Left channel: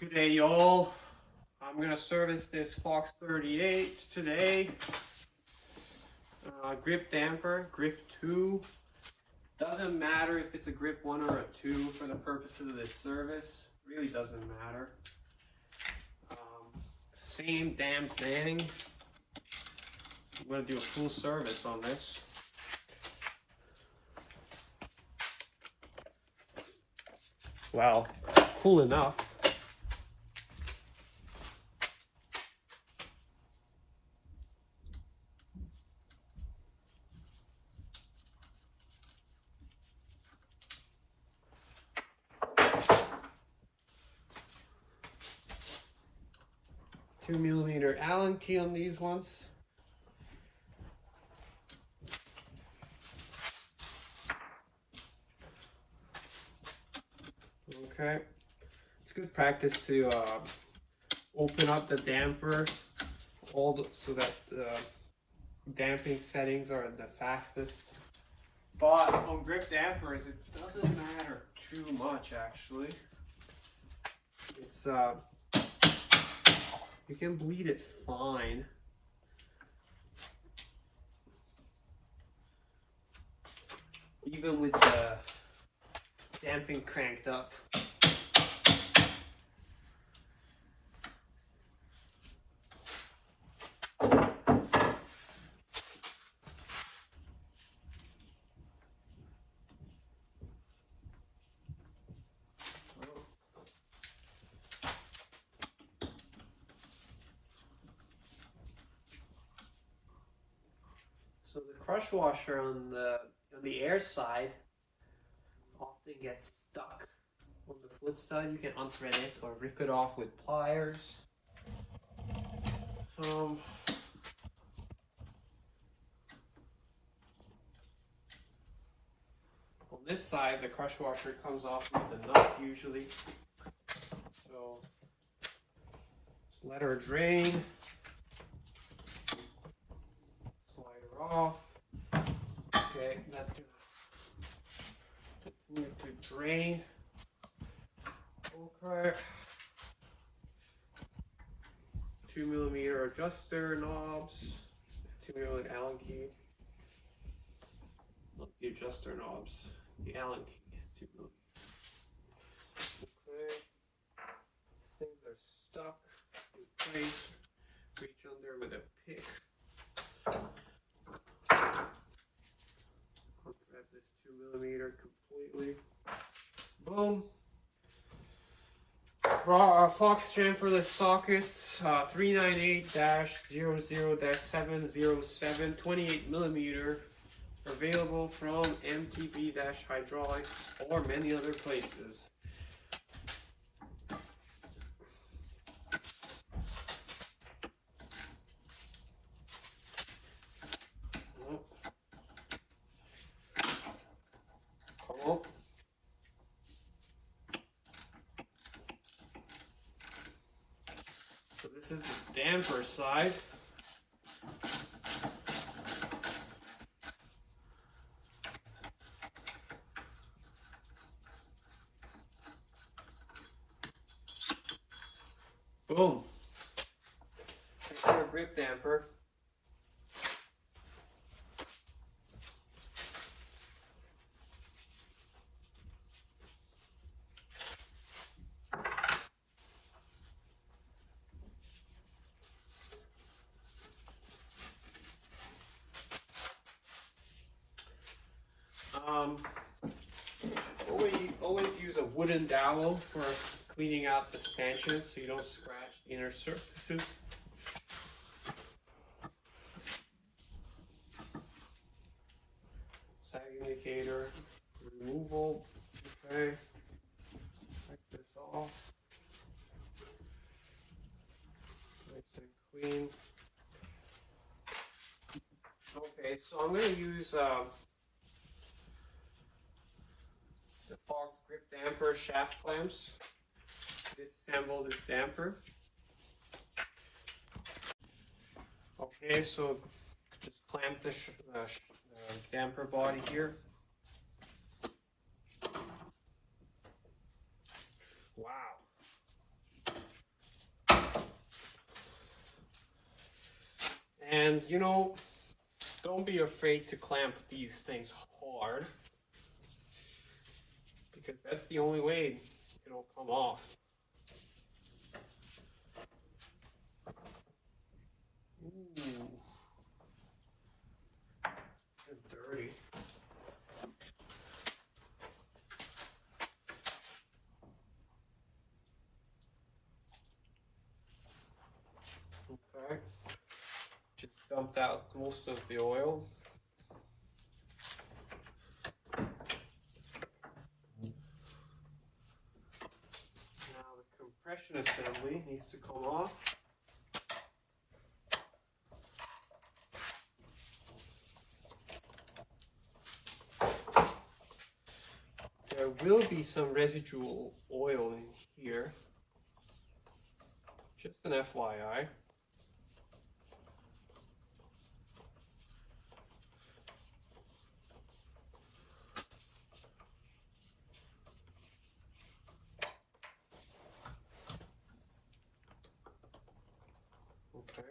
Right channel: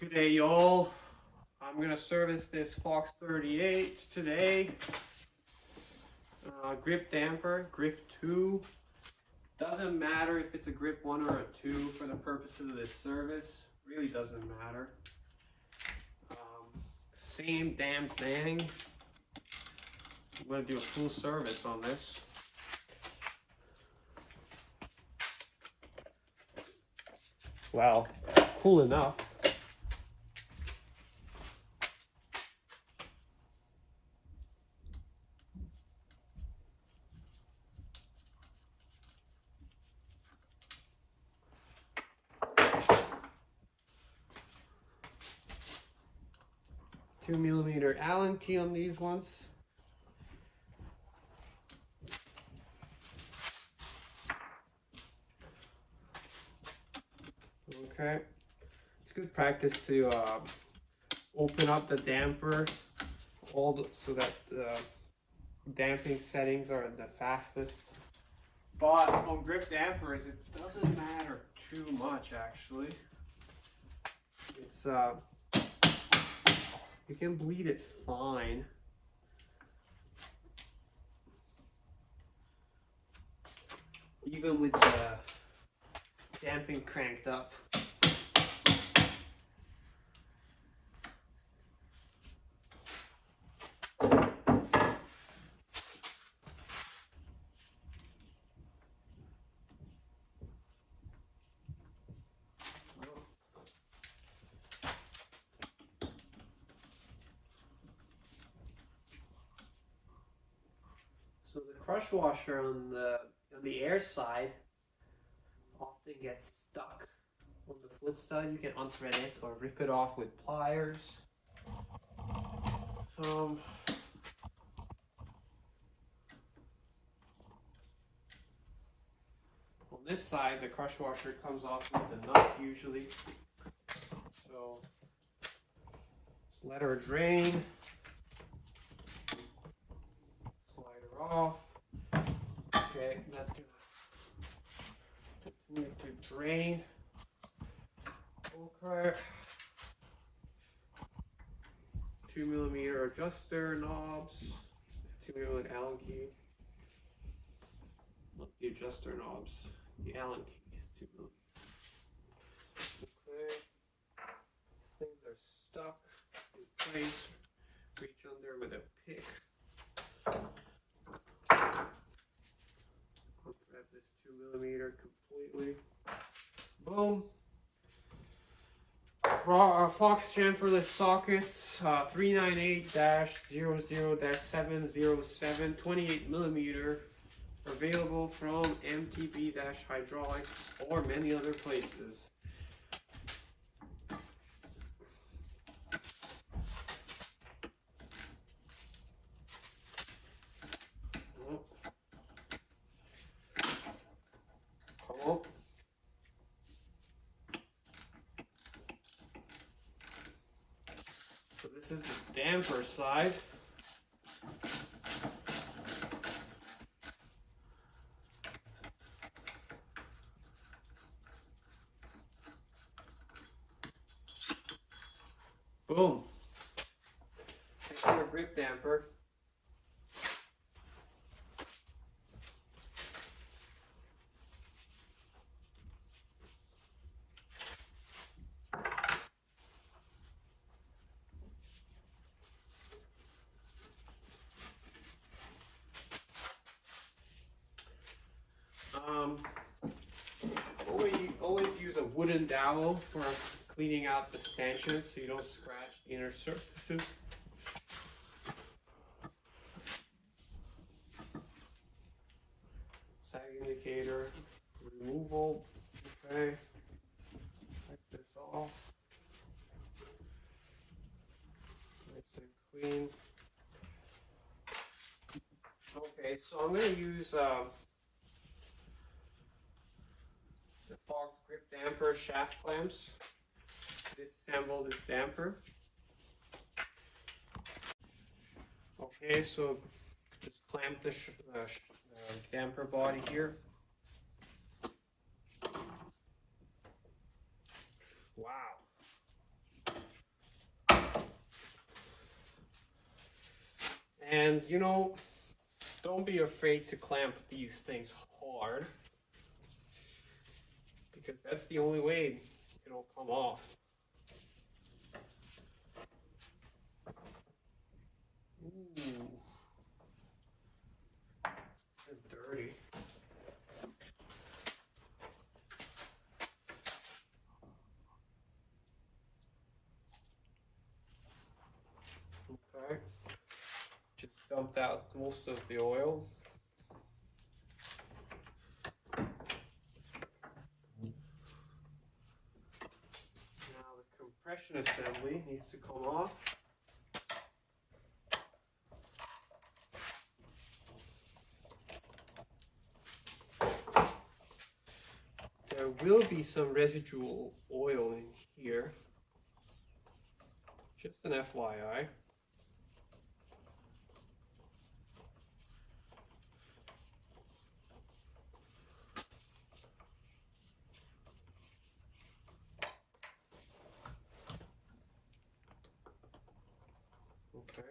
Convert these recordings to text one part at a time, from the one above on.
Good day, y'all. I'm gonna service this Fox 38 today. Grip damper, grip 2. Doesn't matter if it's a grip 1 or a 2 for the purposes of this service. Really doesn't matter. Same damn thing. I'm gonna do a full service on this. Well, cool enough. $2mm Allen key on these ones. Okay, it's good practice to open up the damper so that the damping settings are the fastest. But on grip dampers, it doesn't matter too much actually. It's you can bleed it fine. Even with the damping cranked up. So the crush washer on the air side often gets stuck on the foot stud. You can unthread it or rip it off with pliers. On this side, the crush washer comes off with the nut usually. So just let her drain. Slide her off. Okay, that's gonna continue to drain. Okay. 2mm adjuster knobs. 2mm Allen key. Not the adjuster knobs. The Allen key is 2mm. Okay. These things are stuck in place. Reach under with a pick. Grab this 2mm completely. Boom. Fox chamferless sockets, 398-00-707, 28mm, available from MTB-Hydraulics or many other places. Oh. So this is the damper side. Boom. Take our grip damper. Always use a wooden dowel for cleaning out the stanchions so you don't scratch the inner surfaces. Sag indicator removal. Okay. Take this off. Nice and clean. Okay, so I'm going to use the Fox grip damper shaft clamps. Disassemble this damper. Okay, so just clamp the damper body here. Wow. And you know, don't be afraid to clamp these things hard, because that's the only way it'll come off. Ooh, dirty. Okay, just dumped out most of the oil. Now the compression assembly needs to come off. There will be some residual oil in here, just an FYI. Okay.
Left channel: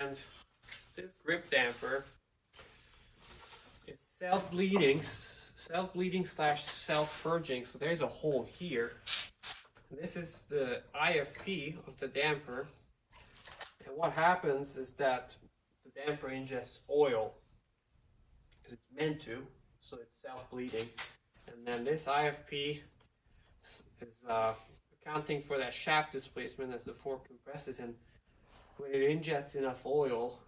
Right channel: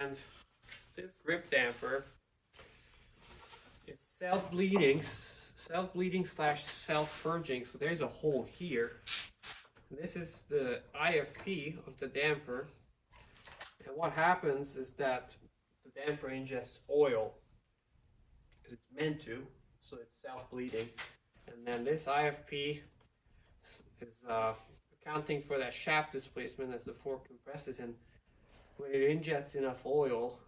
And this grip damper, it's self-bleeding slash self-purging. So there's a hole here. This is the IFP of the damper. And what happens is that the damper ingests oil, because it's meant to, so it's self-bleeding. And then this IFP is accounting for that shaft displacement as the fork compresses, and when it injects enough oil,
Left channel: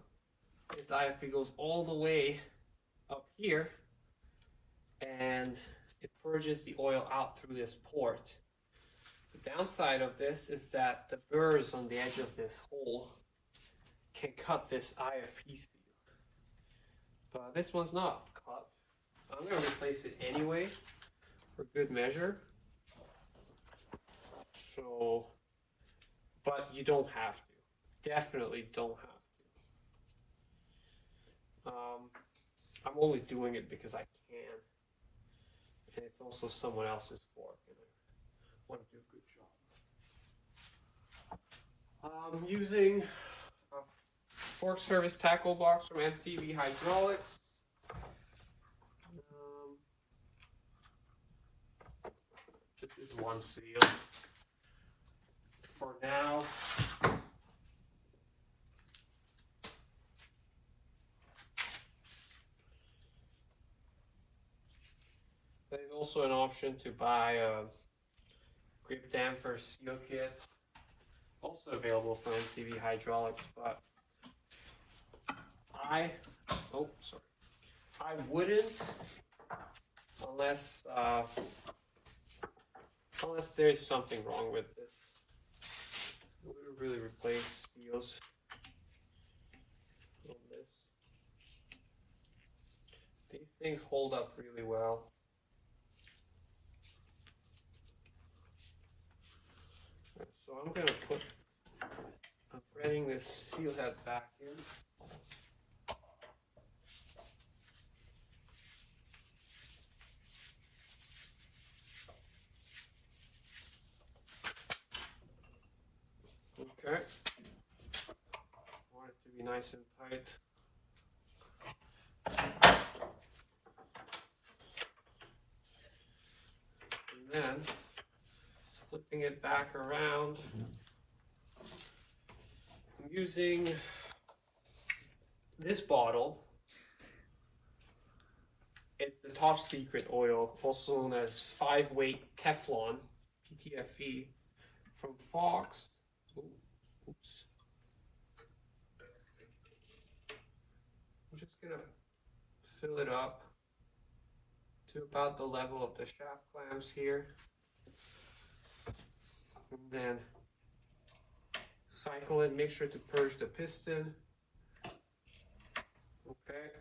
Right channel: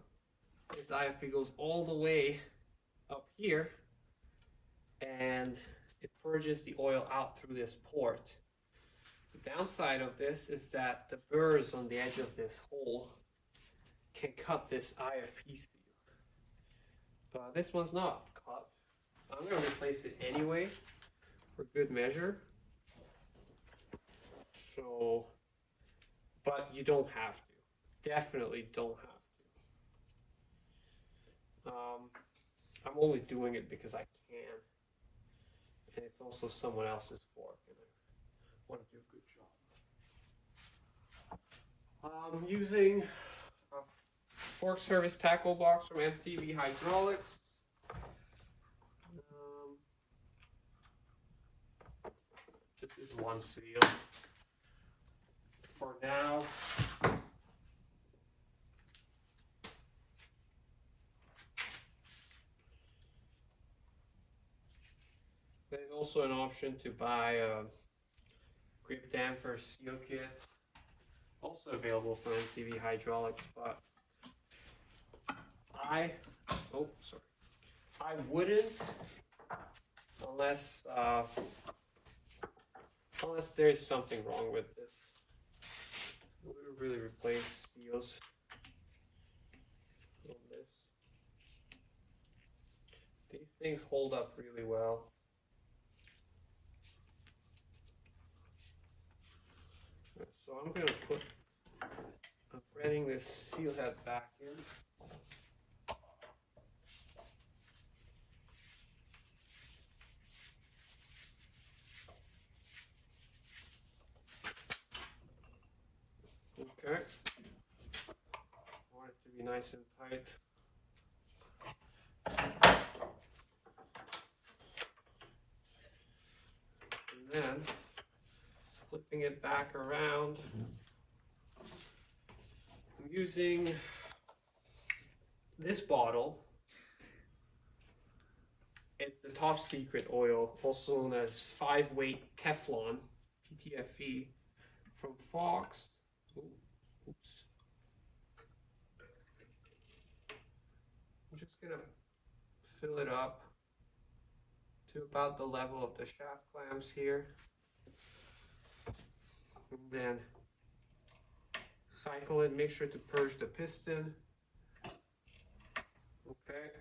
this IFP goes all the way up here and it purges the oil out through this port. The downside of this is that the burrs on the edge of this hole can cut this IFP seal. But this one's not cut. I'm going to replace it anyway for good measure. So, but you don't have to. Definitely don't have to. I'm only doing it because I can, and it's also someone else's fork, and I want to do a good job. I'm using a fork service tackle box from MTV Hydraulics. Just use one seal for now. There's also an option to buy a grip damper seal kit, also available from MTV Hydraulics, but I wouldn't unless there's something wrong with this. I wouldn't really replace seals on this. These things hold up really well. So I'm going to I'm threading this seal head back in. Okay. Want it to be nice and tight. And then flipping it back around, I'm using this bottle. It's the top secret oil, also known as 5-weight Teflon, PTFE, from Fox. Oops. I'm just gonna fill it up to about the level of the shaft clamps here. And then cycle it, make sure to purge the piston. Okay.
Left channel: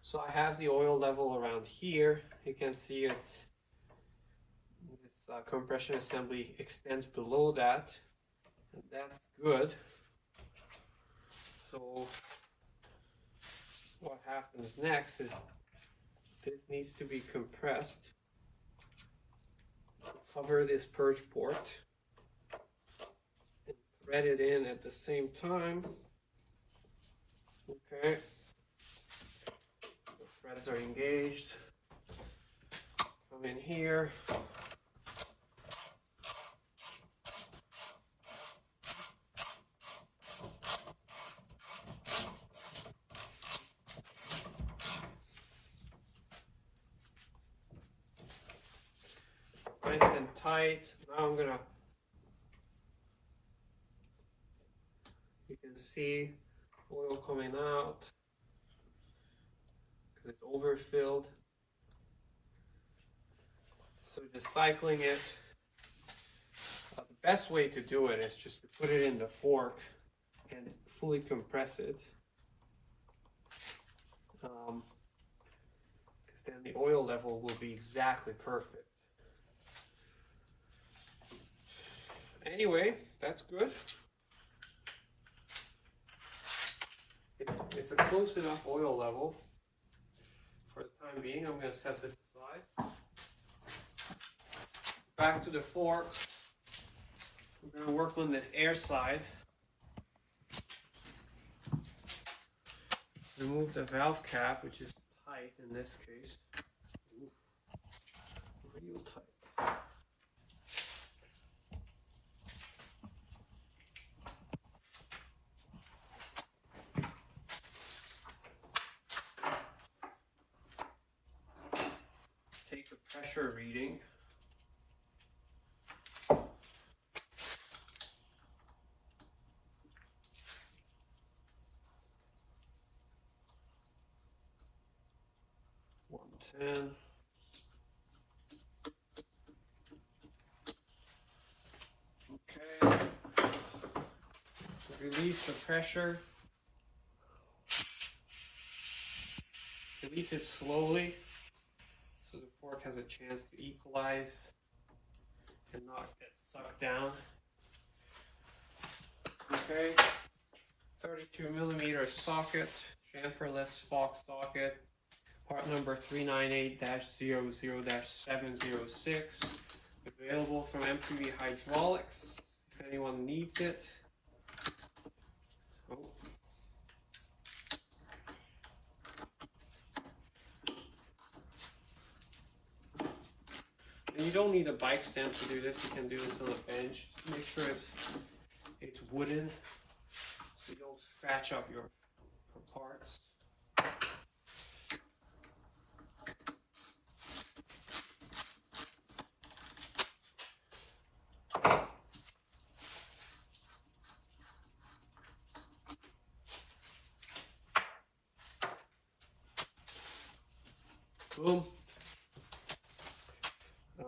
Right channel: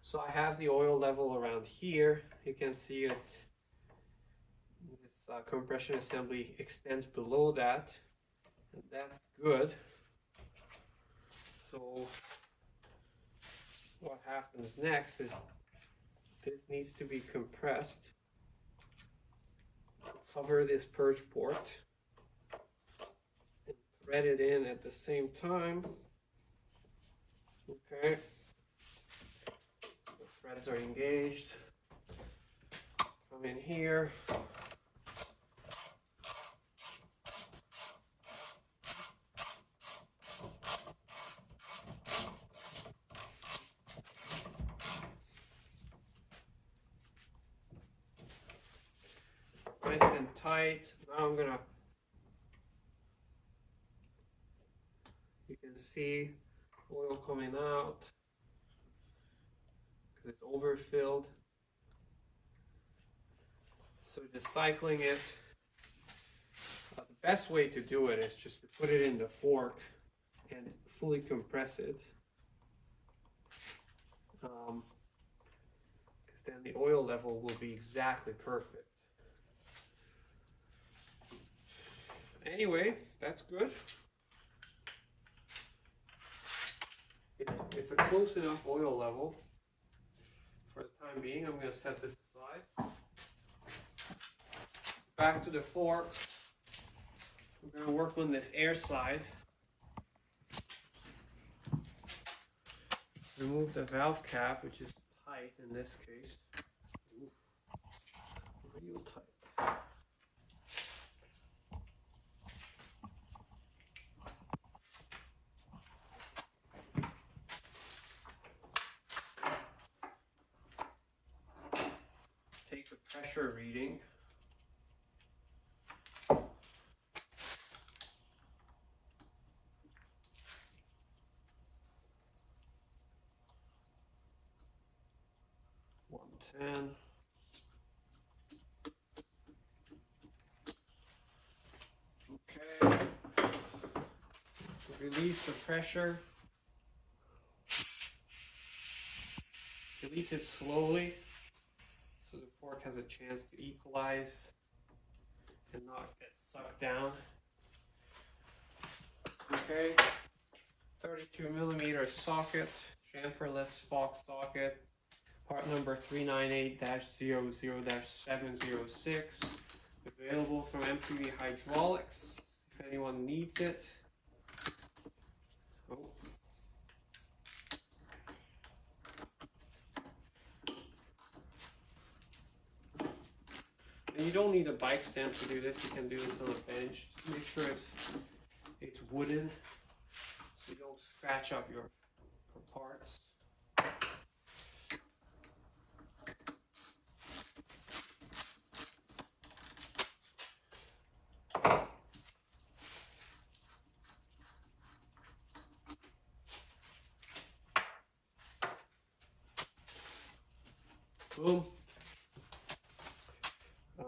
So I have the oil level around here. You can see it's this compression assembly extends below that, and that's good. So what happens next is This needs to be compressed. Cover this purge port and thread it in at the same time. Okay, the threads are engaged. Come in here. Nice and tight. Now I'm gonna, you can see oil coming out because it's overfilled. So just cycling it. The best way to do it is just to put it in the fork and fully compress it. Because then the oil level will be exactly perfect. Anyway, that's good. It's a close enough oil level. For the time being, I'm going to set this aside. Back to the fork. We're going to work on this air side. Remove the valve cap, which is tight in this case. Ooh, real tight. Take the pressure reading. Okay. Release the pressure. Release it slowly so the fork has a chance to equalize and not get sucked down. Okay. 32mm socket, chamferless Fox socket. Part number 398-00-706. Available from MTV Hydraulics if anyone needs it. Oh. And you don't need a bike stamp to do this. You can do this on a bench. Just make sure it's wooden so you don't scratch up your parts. Boom.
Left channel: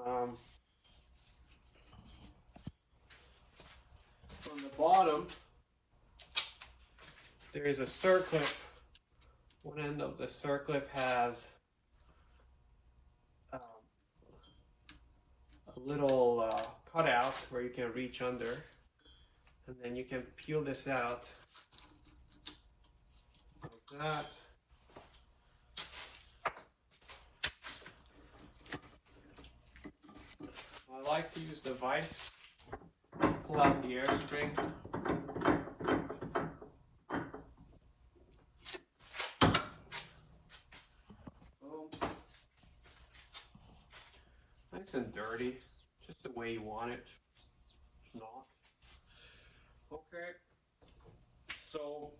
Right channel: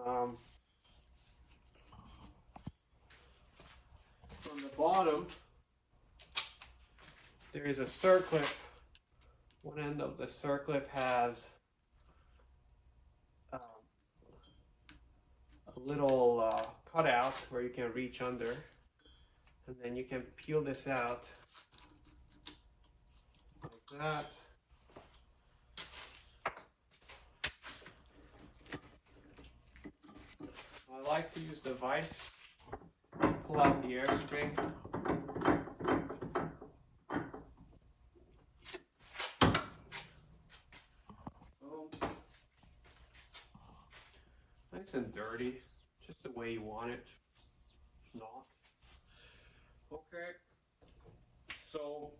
On the bottom, there is a circlip. One end of the circlip has a little cutout where you can reach under, and then you can peel this out like that. I like to use the vise, pull out the air spring. Nice and dirty, just the way you want it. It's not. Okay, so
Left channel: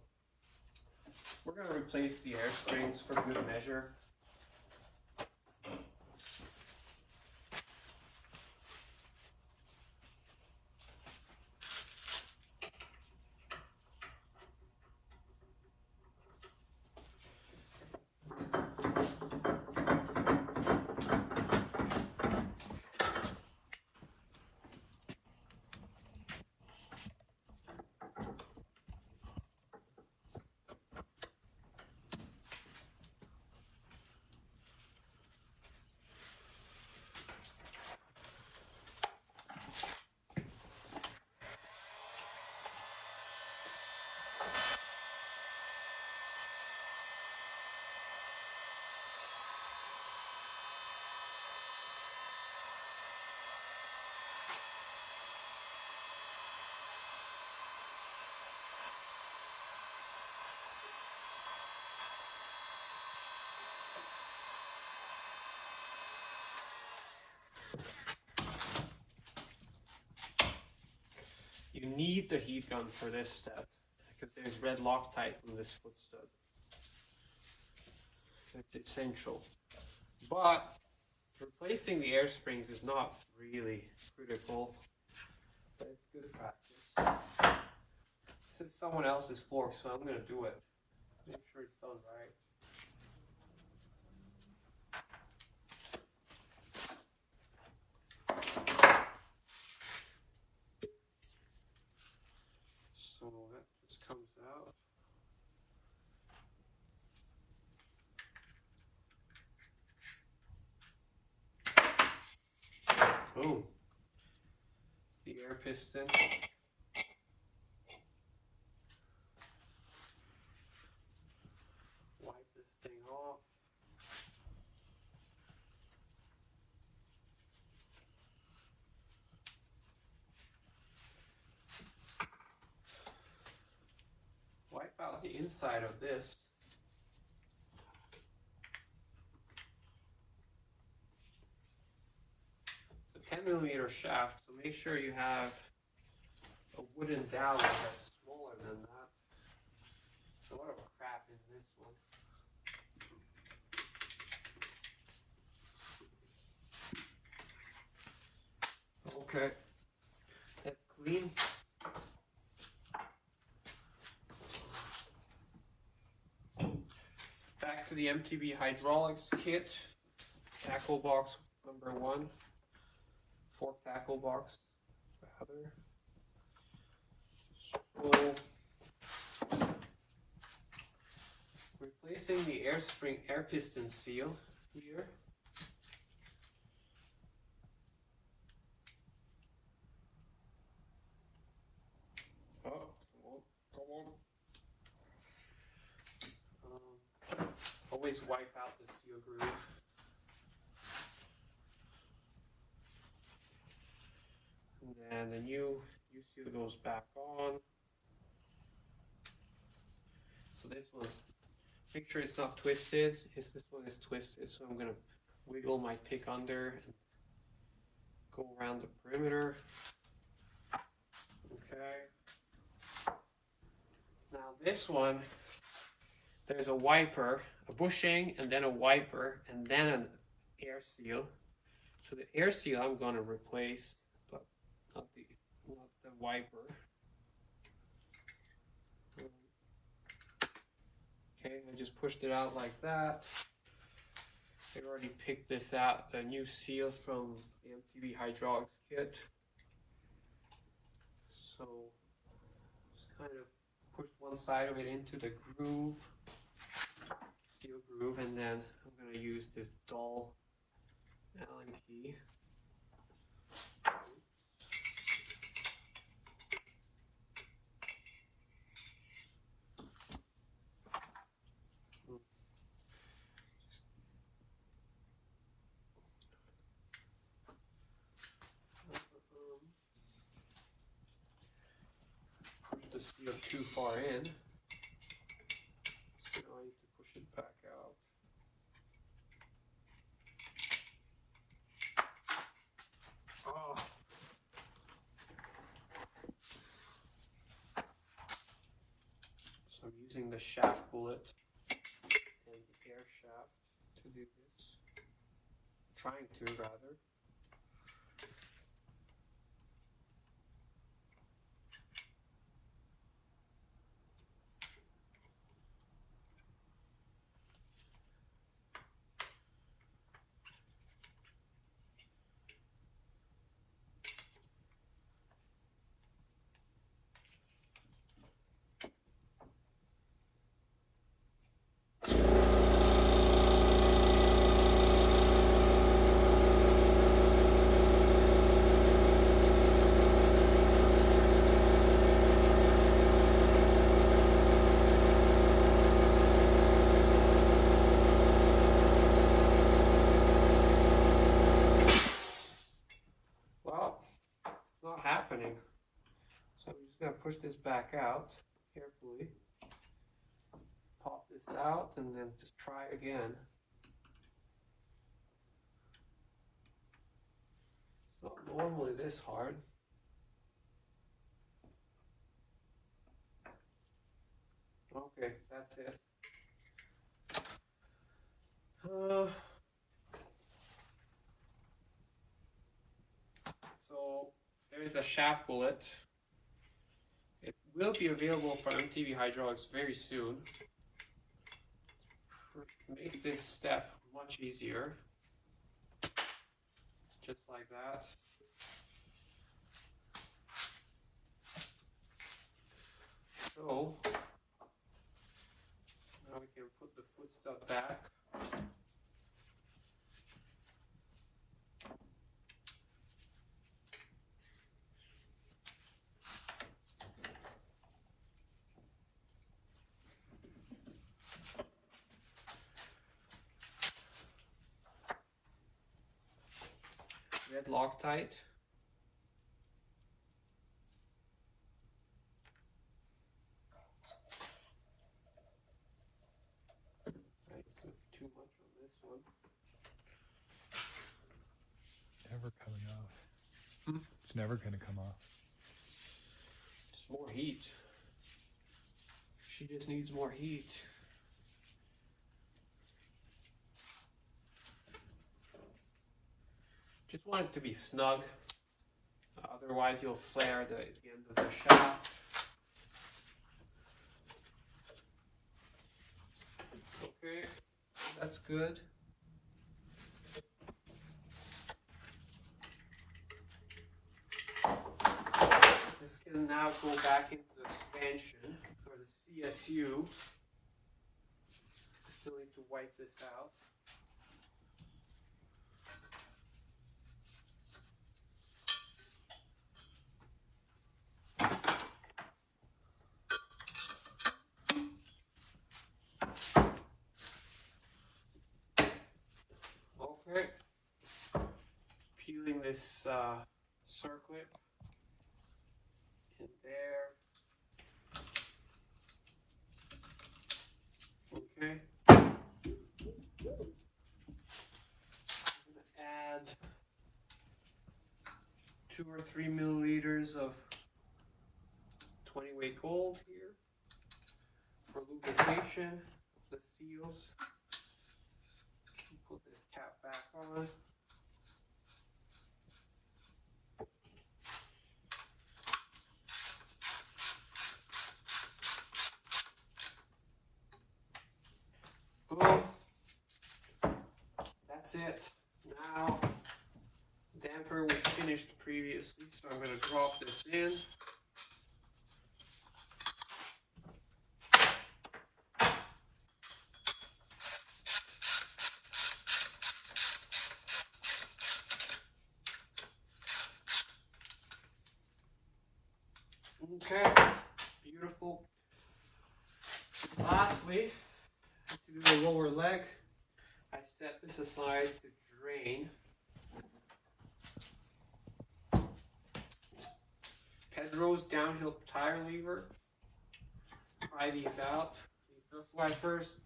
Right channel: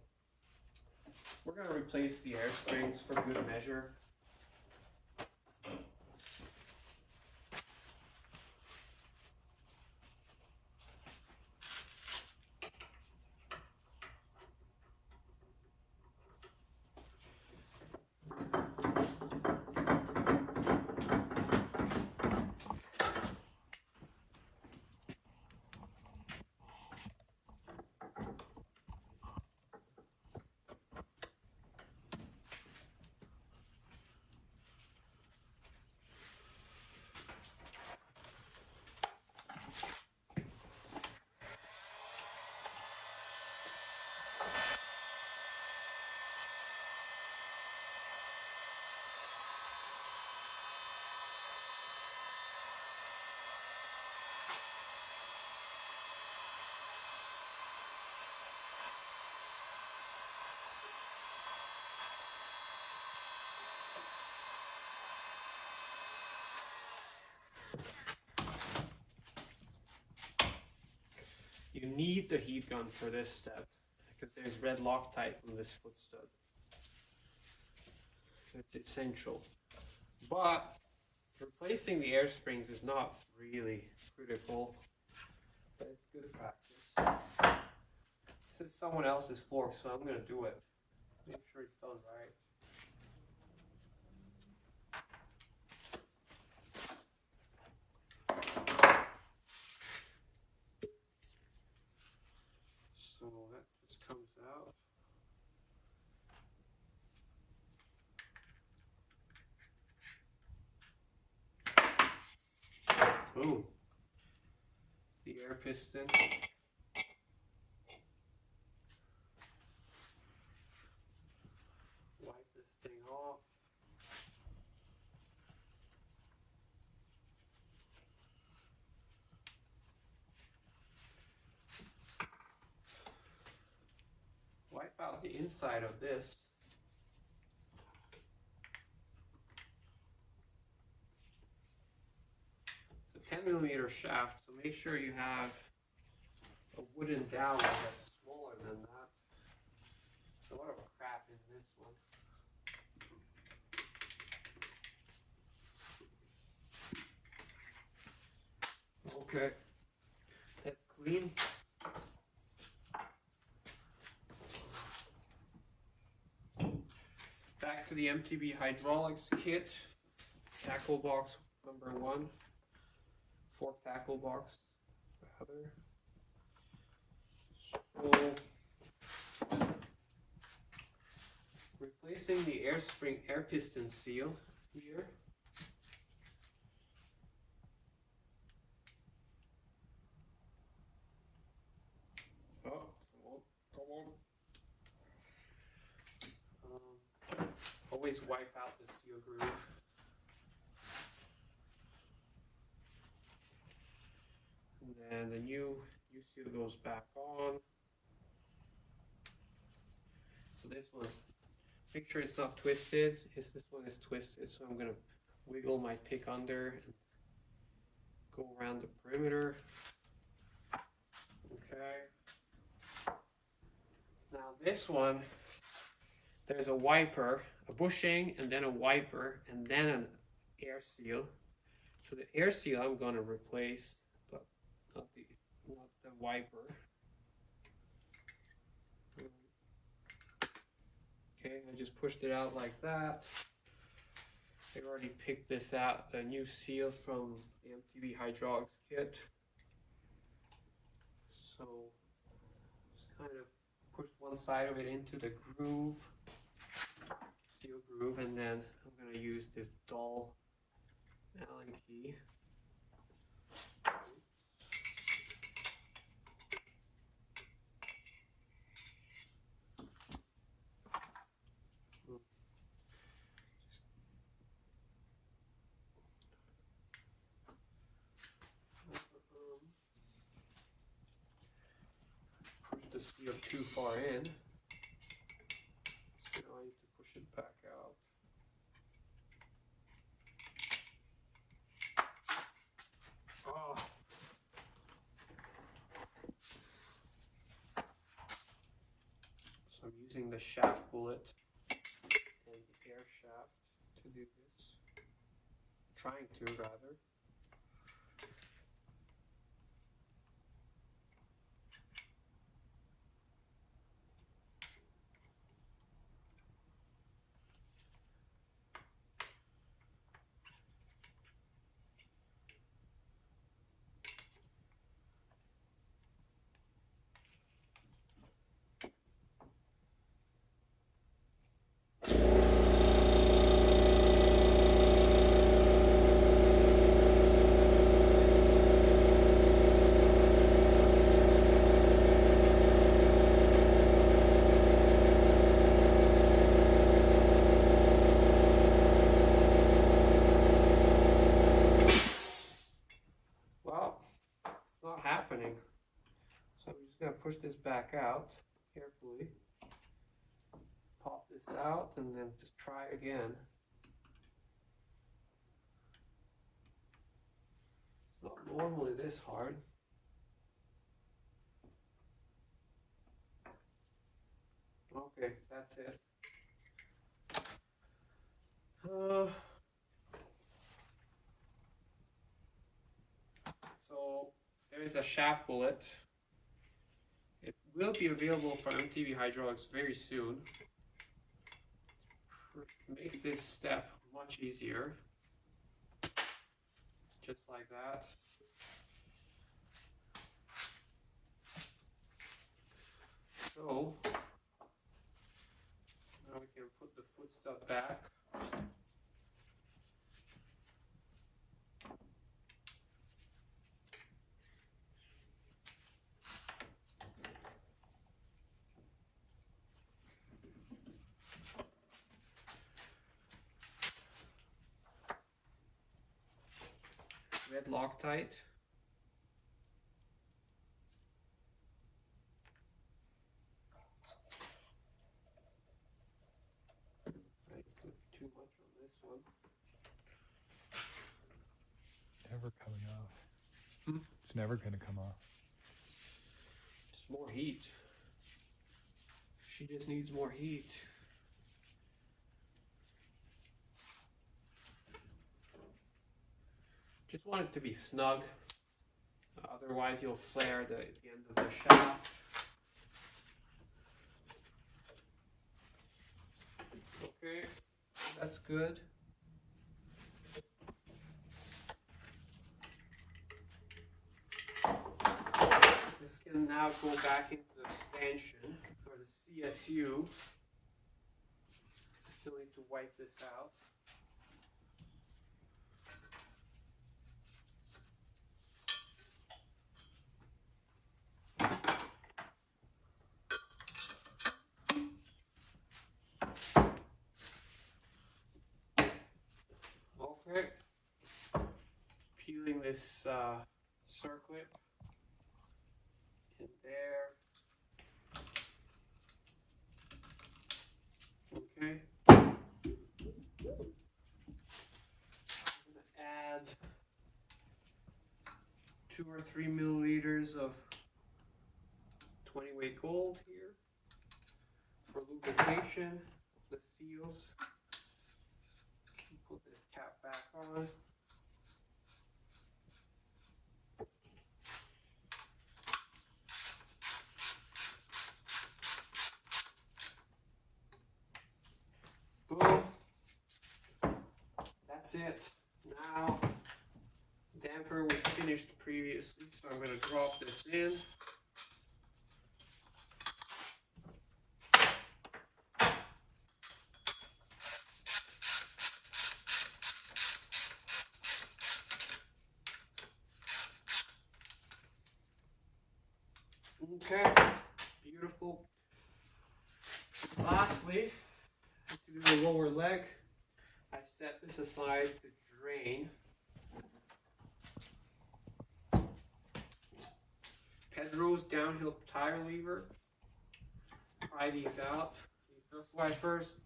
we're going to replace the air springs for good measure. You need the heat gun for this step because there's red Loctite on this foot stud. It's essential. But replacing the air springs is not really critical, but it's good practice. This is someone else's fork, so I'm going to do it. Make sure it's done right. So that just comes out. Boom. The air piston. Wipe this thing off. Wipe out the inside of this. It's a 10mm shaft, so make sure you have a wooden dowel that's smaller than that. There's a lot of crap in this one. Okay, it's clean. Back to the MTB hydraulics kit. Tackle box number 1. Fork tackle box, rather. So, replacing the air piston seal here. Oh, come on. Always wipe out the seal groove. And then the new seal goes back on. So this one's, make sure it's not twisted. This one is twisted, so I'm gonna wiggle my pick under and go around the perimeter. Okay. Now this one, there's a wiper, a bushing, and then a wiper, and then an air seal. So the air seal I'm gonna replace, but not the wiper. Okay, I just pushed it out like that. I already picked this out, a new seal from the MTB hydraulics kit. So just kind of push one side of it into the groove, seal groove, and then I'm going to use this dull Allen key. Push the seal too far in, so now I need to push it back out. Oh. So I'm using the shaft bullet and the air shaft to do this. Trying to, rather. Happening. So I'm just going to push this back out carefully, pop this out, and then just try again. It's not normally this hard. Okay, that's it. So there's a shaft bullet. It will be available for MTV hydraulics very soon. Makes this step much easier. Just like that. So now we can put the foot stud back. Red Loctite. I put too much on this one. Never coming off. Hmm? It's never going to come off. Just more heat. She just needs more heat. Just want it to be snug. Otherwise you'll flare the end of the shaft. Okay, that's good. This can now go back into the stanchion for the CSU. Still need to wipe this out. Okay. Peeling this circlip in there. Okay. Add 2 or 3 milliliters of 20 weight gold here for lubrication of the seals. Put this cap back on. Boom. That's it. Now, damper was finished previously, so I'm going to drop this in. Okay, beautiful. Lastly, to do the lower leg, I set this aside to drain. Pedro's downhill tire lever. Try these out. Use this one first.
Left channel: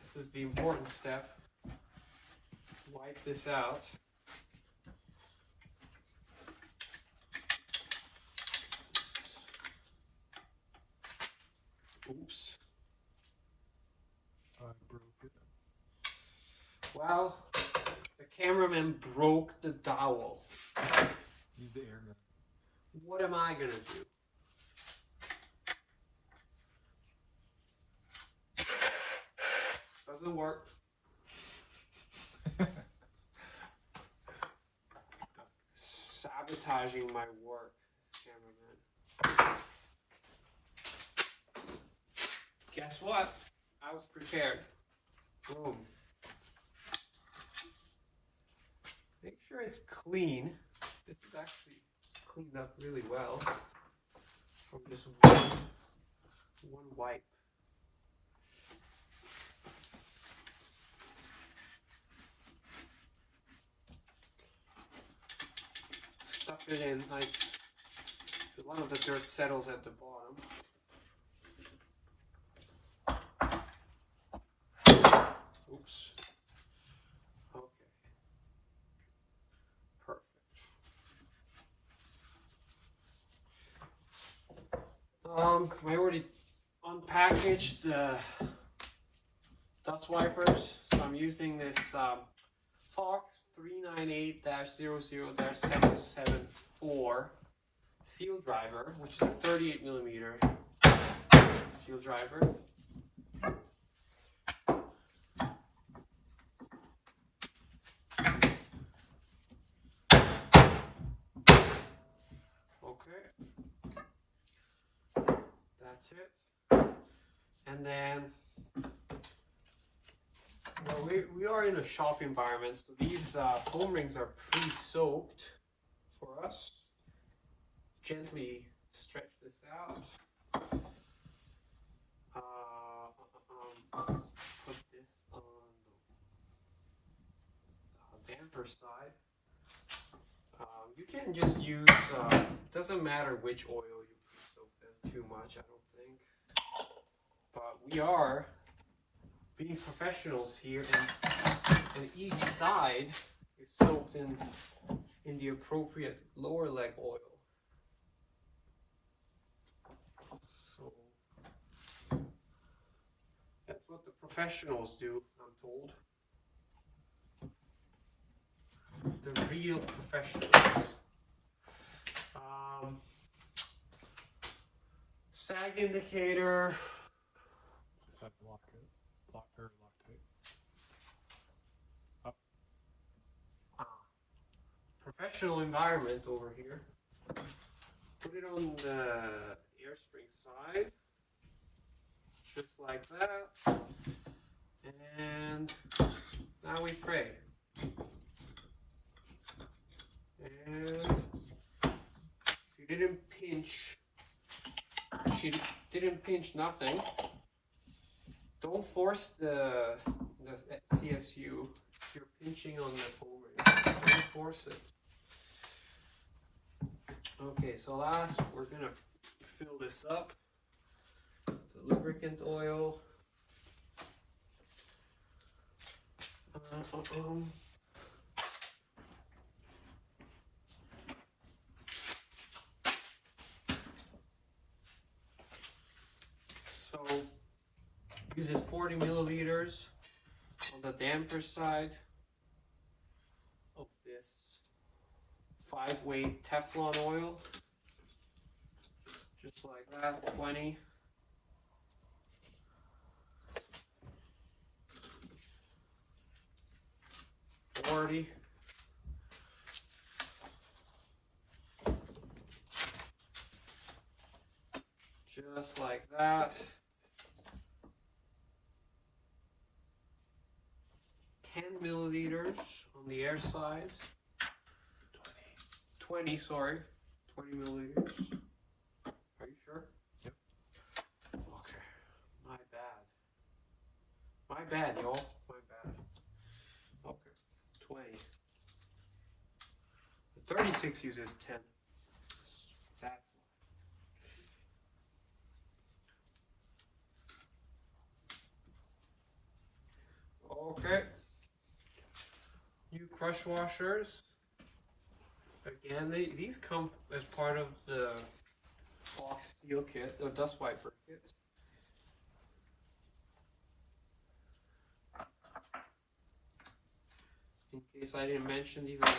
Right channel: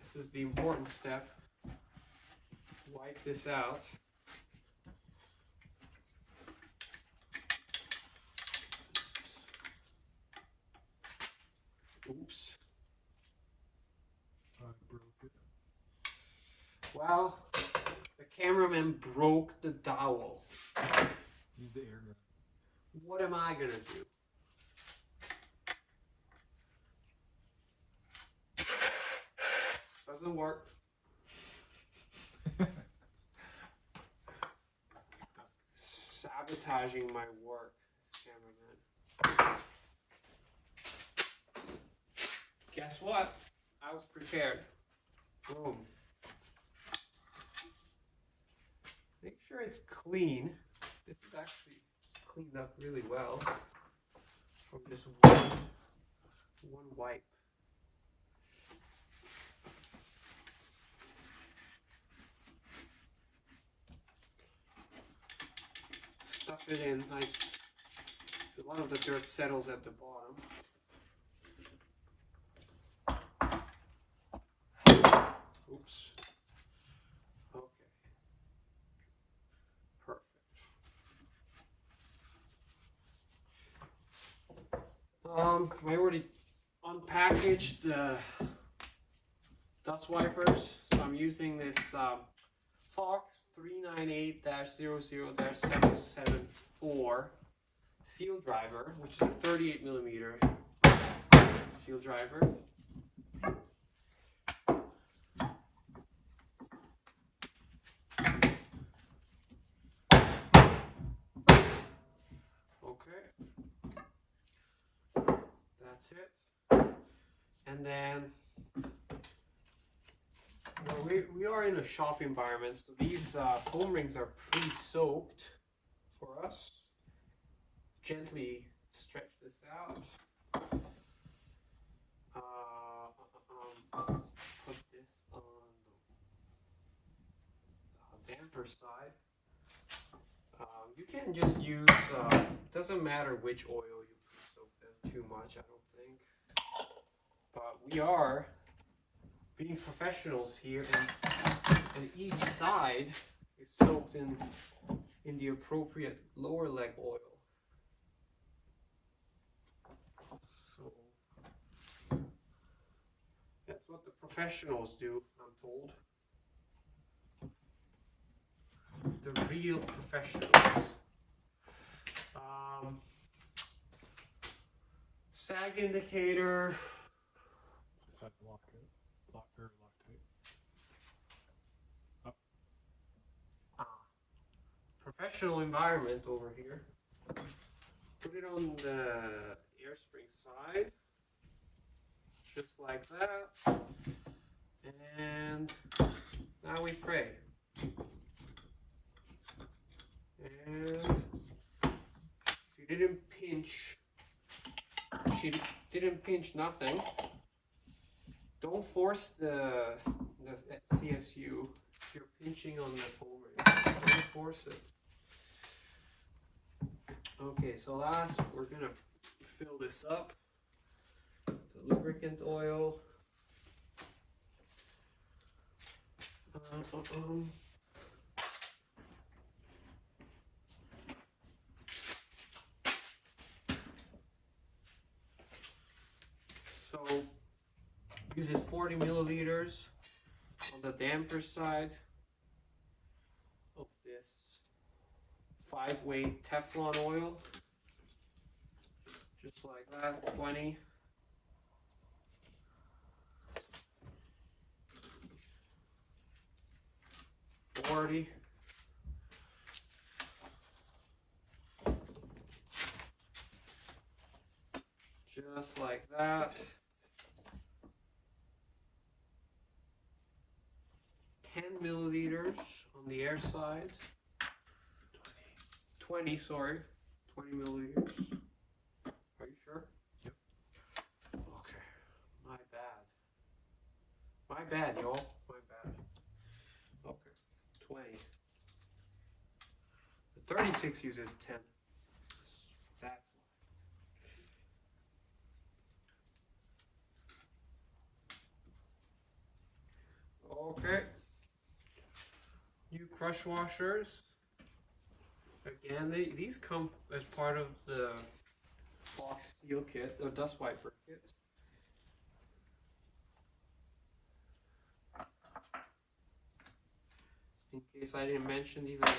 This is the important step. Wipe this out. Oops. I broke it. Well, the cameraman broke the dowel. Use the air gun. What am I gonna do? Doesn't work. Sabotaging my work, cameraman. Guess what? I was prepared. Boom. Make sure it's clean. This is actually cleaned up really well from just one wipe. fit in nice. A lot of the dirt settles at the bottom. Oops. Okay. Perfect. I already unpackaged the dust wipers, so I'm using this Fox 398-00-774 seal driver, which is a 38mm seal driver. Okay, that's it. And then we are in a shop environment, so these foam rings are pre-soaked for us. Gently stretch this out. Put this on the damper side. You can just use, doesn't matter which oil you soak them too much, I don't think. But we are being professionals here, and each side is soaked in the appropriate lower leg oil. So that's what the professionals do, I'm told. The real professionals. Sag indicator. Is that lock tape? Up. Professional environment over here. Put it on the air spring side. Just like that. And now we pray. And she didn't pinch nothing. Don't force the CSU. If you're pinching on the foam ring, don't force it. Okay, so last we're gonna fill this up. The lubricant oil. So uses 40 milliliters on the damper side of this 5-weight Teflon oil. Just like that, 20. Just like that. 10 milliliters on the air side. 20, sorry. 20 milliliters. Are you sure? Yep. Okay. My bad. My bad, y'all. My bad. Okay. 20. The 36 uses 10. That's okay. New crush washers. Again, these come as part of the Fox Steel kit, or dust wiper kit. In case I didn't mention, these are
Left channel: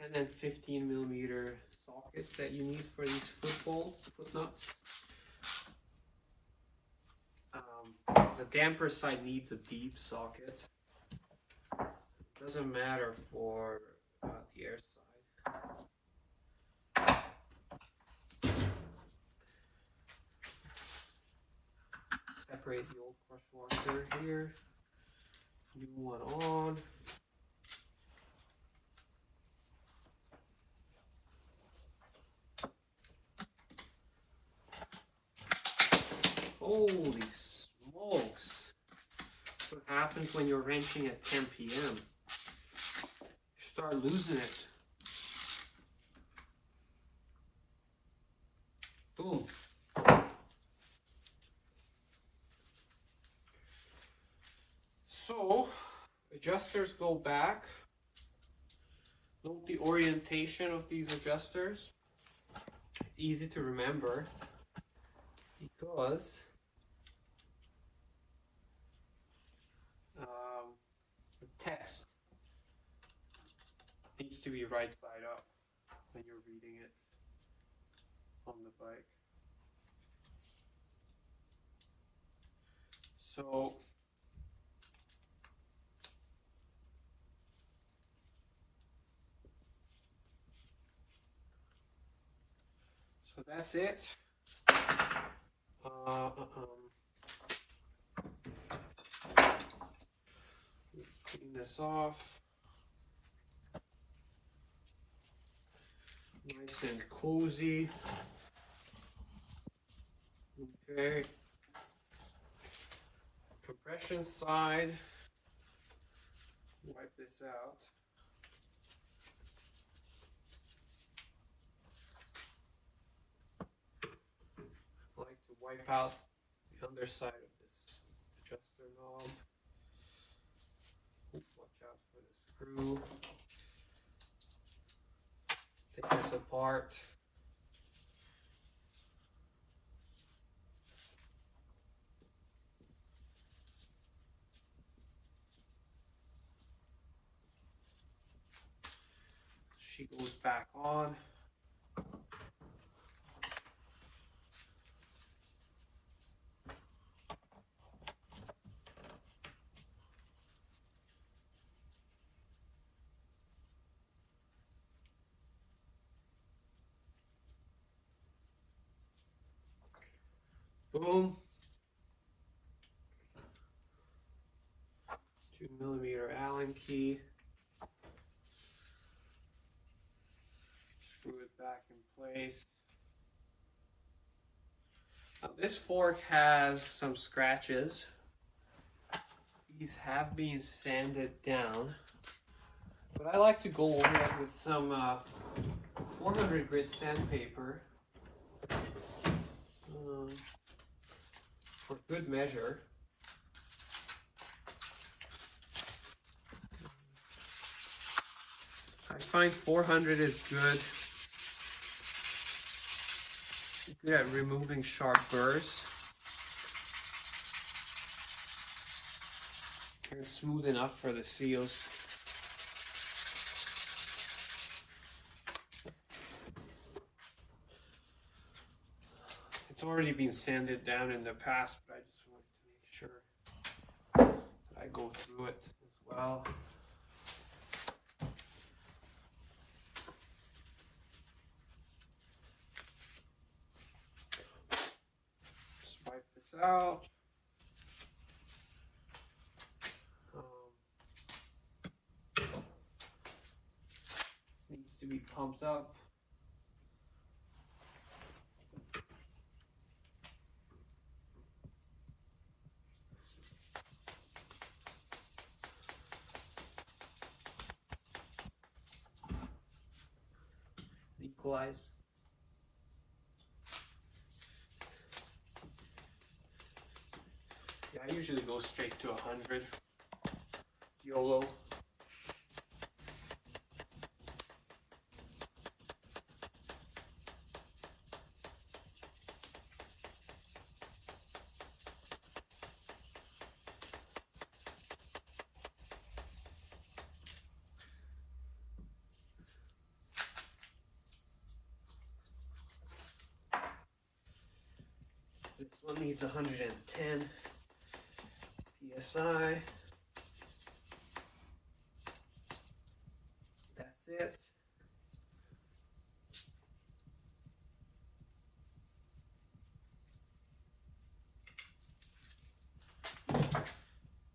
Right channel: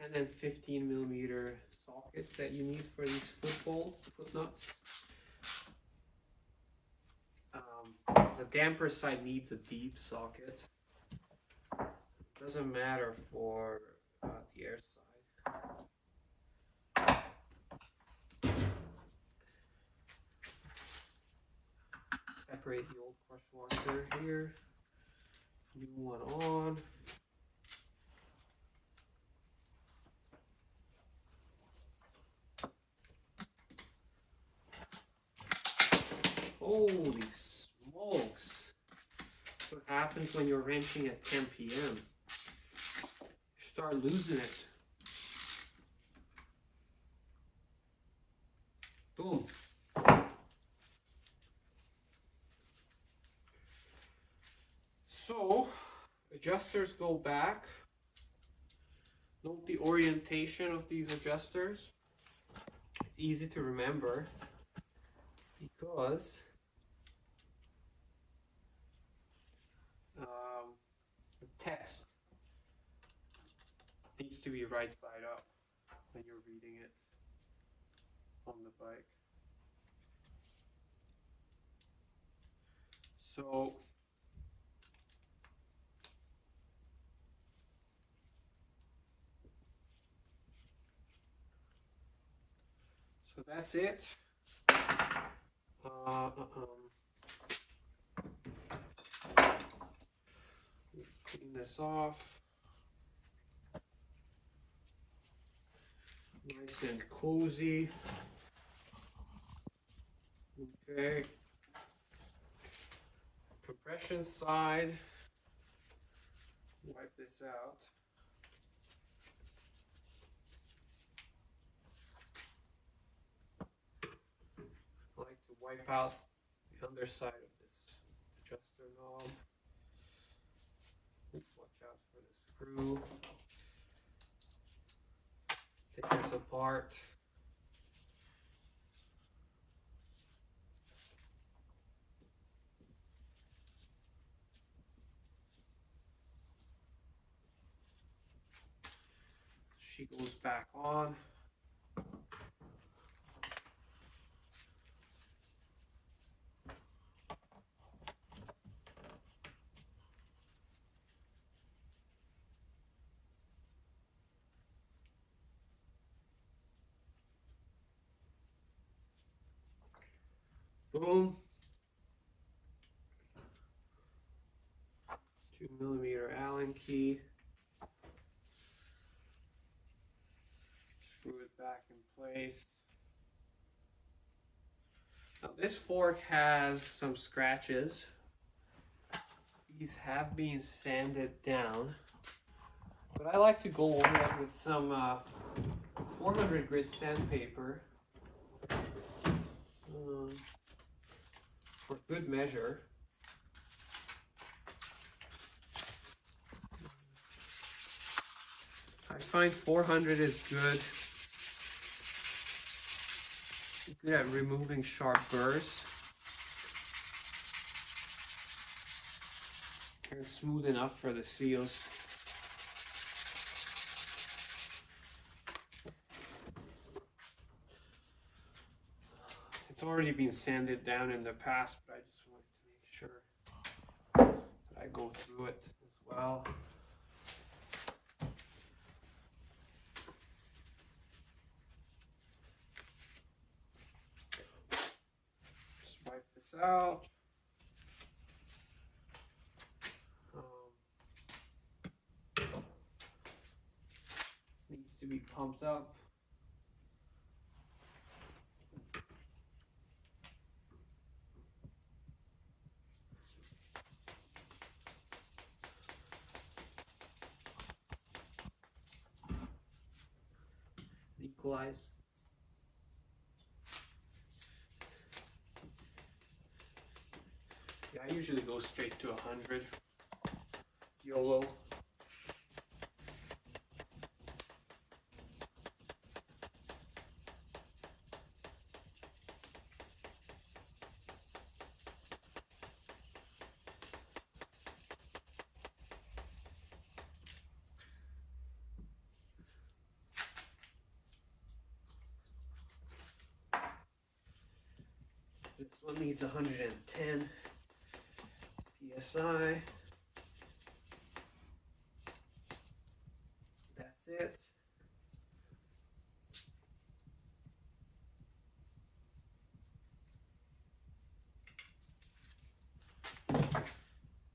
10 and 15 millimeter sockets that you need for these foot nuts. The damper side needs a deep socket. Doesn't matter for the air side. Separate the old crush washer here. New one on. Holy smokes. What happens when you're wrenching at 10 p.m.? You start losing it. Boom. So, adjusters go back. Note the orientation of these adjusters. It's easy to remember because the text needs to be right side up when you're reading it on the bike. So that's it. Clean this off. Nice and cozy. Okay. Compression side. Wipe this out. I like to wipe out the underside of this adjuster knob. Watch out for the screw. Take this apart. She goes back on. Boom. 2mm Allen key. Screw it back in place. Now this fork has some scratches. These have been sanded down, but I like to go over it with some 400 grit sandpaper for good measure. I find 400 is good at removing sharp burrs and smooth enough for the seals. It's already been sanded down in the past, but I just wanted to make sure that I go through it as well. Just wipe this out. This needs to be pumped up. Equalize. Yeah, I usually go straight to 100. YOLO. This one needs 110 PSI. That's it.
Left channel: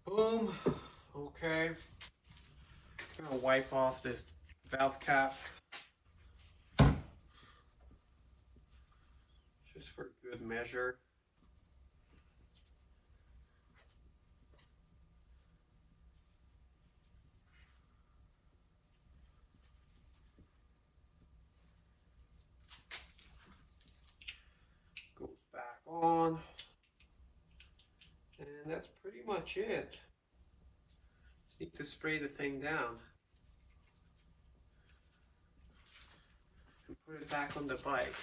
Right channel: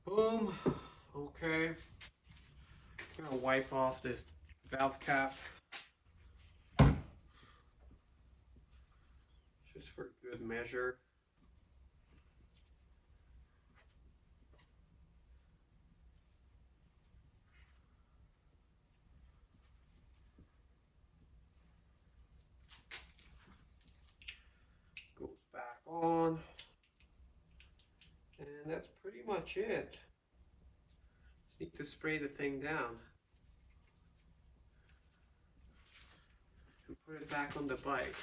Boom. Okay. Gonna wipe off this valve cap. Just for good measure. that's pretty much it. Just need to spray the thing down. And put it back on the bike.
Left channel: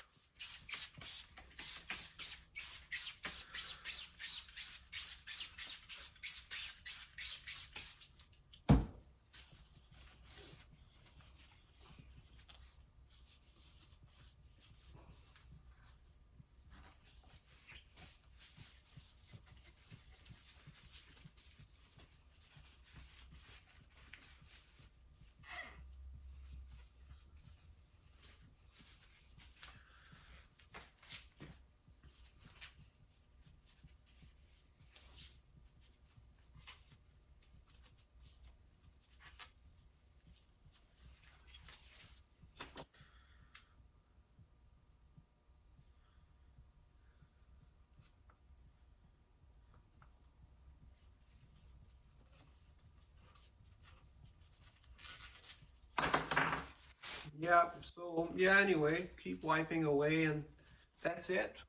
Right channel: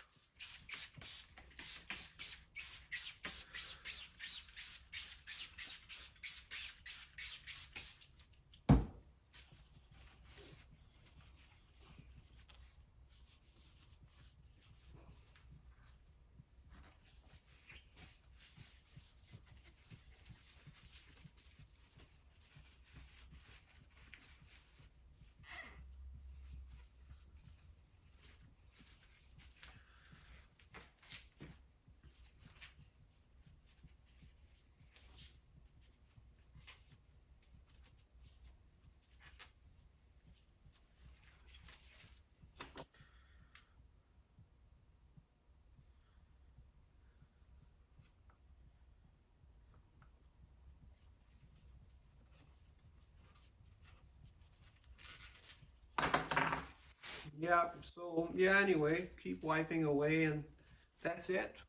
Yeah, so yeah, anyway, keep wiping away, and that's it.